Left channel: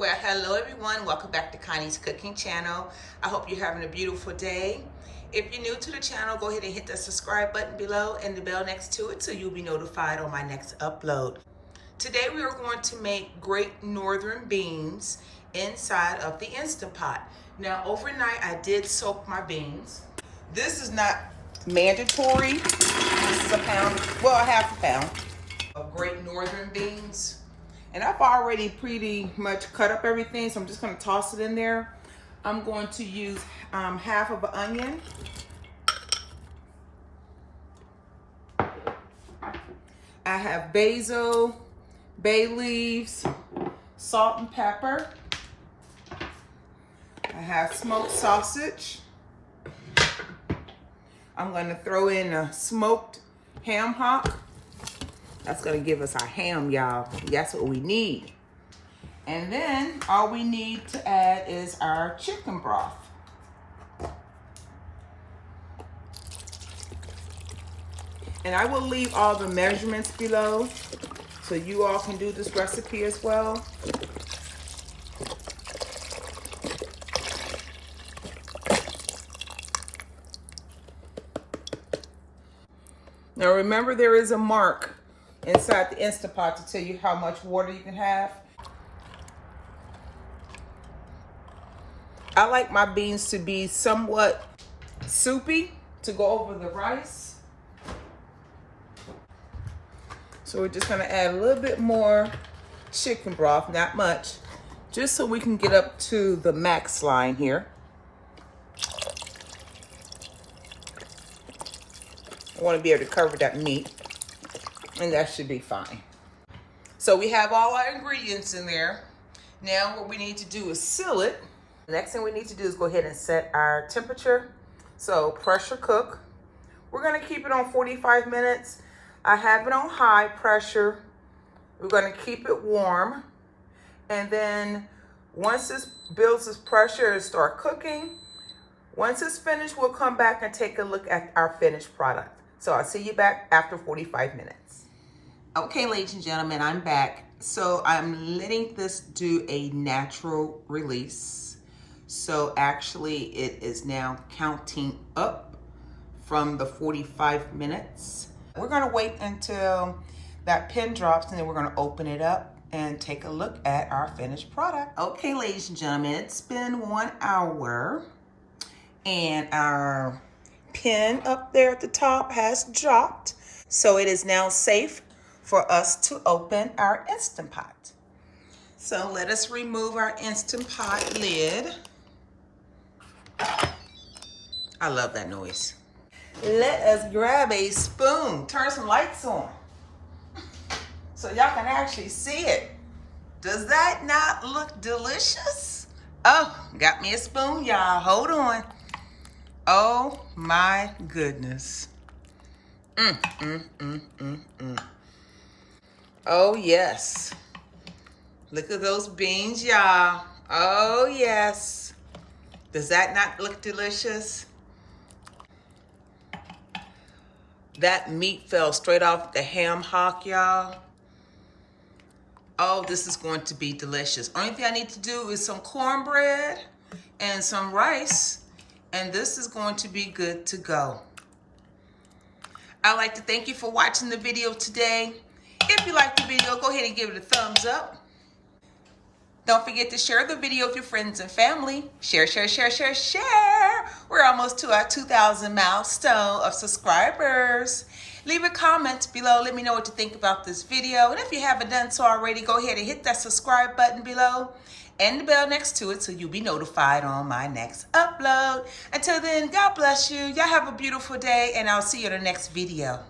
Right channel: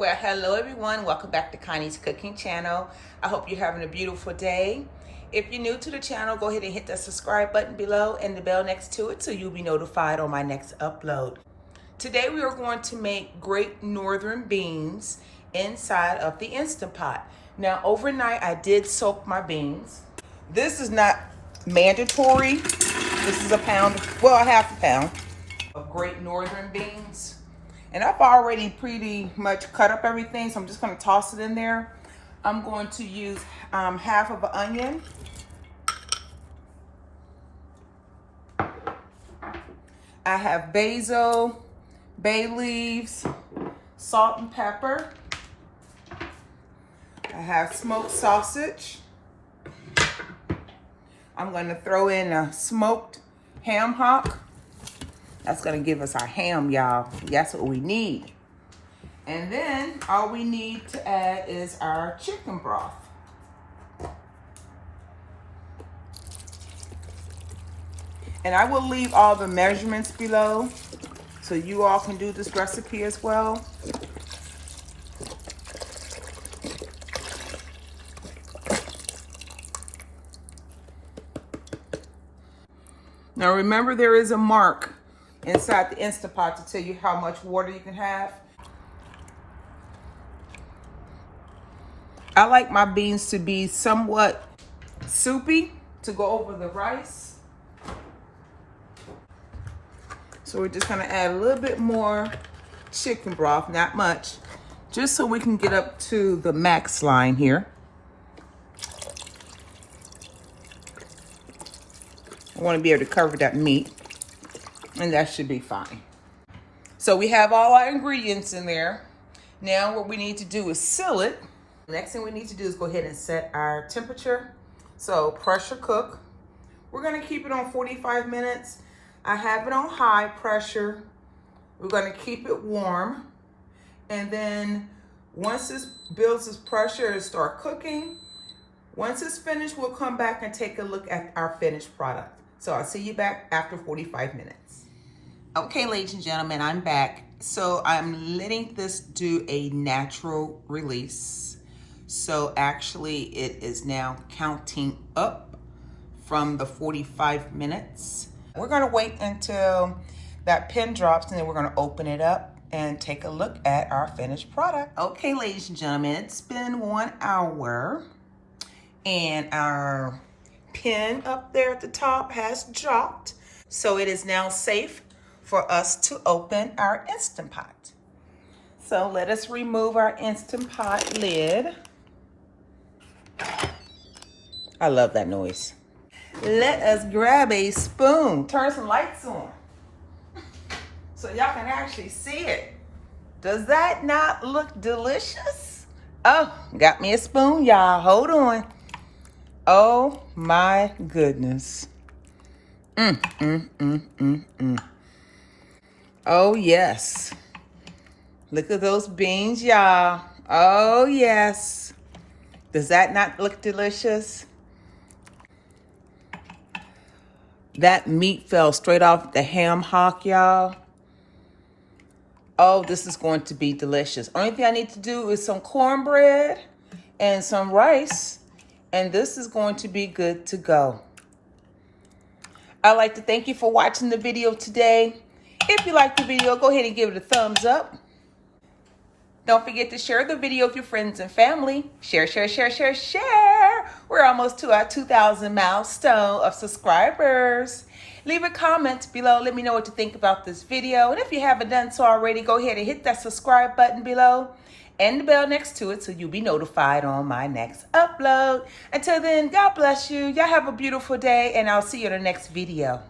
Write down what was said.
Well, hello everyone. Welcome back to Connie's cooking channel. I hope you're having a beautiful day. If you're new to the channel, go ahead and hit that subscribe button below and the bell next to it so you'll be notified on my next upload. Today we are going to make Great Northern beans inside of the Instant Pot. Now overnight I did soak my beans. This is not mandatory. This is a pound, well, a half a pound of Great Northern beans. And I've already pretty much cut up everything, so I'm just gonna toss it in there. I'm going to use half of an onion. I have basil, bay leaves, salt and pepper. I have smoked sausage. I'm gonna throw in a smoked ham hock. That's gonna give us our ham, y'all. That's what we need. And then all we need to add is our chicken broth. And I will leave all the measurements below so you all can do this recipe as well. Now remember, there is a mark inside the Instant Pot to tell you how much water you can have. I like my beans to be somewhat soupy to go over the rice. So we're just gonna add a little bit more chicken broth, not much, just so we can get up to the max line here. I wanna be able to cover that meat. And that should be fine. So we have all our ingredients in there. Now what we need to do is seal it. The next thing we need to do is go ahead and set our temperature. So pressure cook. We're gonna keep it on 45 minutes. I have it on high pressure. We're gonna keep it warm. And then once this builds its pressure and start cooking, once it's finished, we'll come back and take a look at our finished product. So I'll see you back after 45 minutes. Okay, ladies and gentlemen, I'm back. So I'm letting this do a natural release. So actually it is now counting up from the 45 minutes. We're gonna wait until that pin drops and then we're gonna open it up and take a look at our finished product. Okay, ladies and gentlemen, it's been 1 hour and our pin up there at the top has dropped. So it is now safe for us to open our Instant Pot. So let us remove our Instant Pot lid. I love that noise. Let us grab a spoon. Turn some lights on so y'all can actually see it. Does that not look delicious? Oh, got me a spoon, y'all. Hold on. Oh my goodness. Oh yes. Look at those beans, y'all. Oh yes. Does that not look delicious? That meat fell straight off the ham hock, y'all. Oh, this is going to be delicious. Only thing I need to do is some cornbread and some rice, and this is going to be good to go. I'd like to thank you for watching the video today. If you liked the video, go ahead and give it a thumbs up. Don't forget to share the video with your friends and family. Share, share, share, share, share. We're almost to our 2,000 milestone of subscribers. Leave a comment below. Let me know what you think about this video. And if you haven't done so already, go ahead and hit that subscribe button below and the bell next to it so you'll be notified on my next upload. Until then, God bless you. Y'all have a beautiful day, and I'll see you in the next video.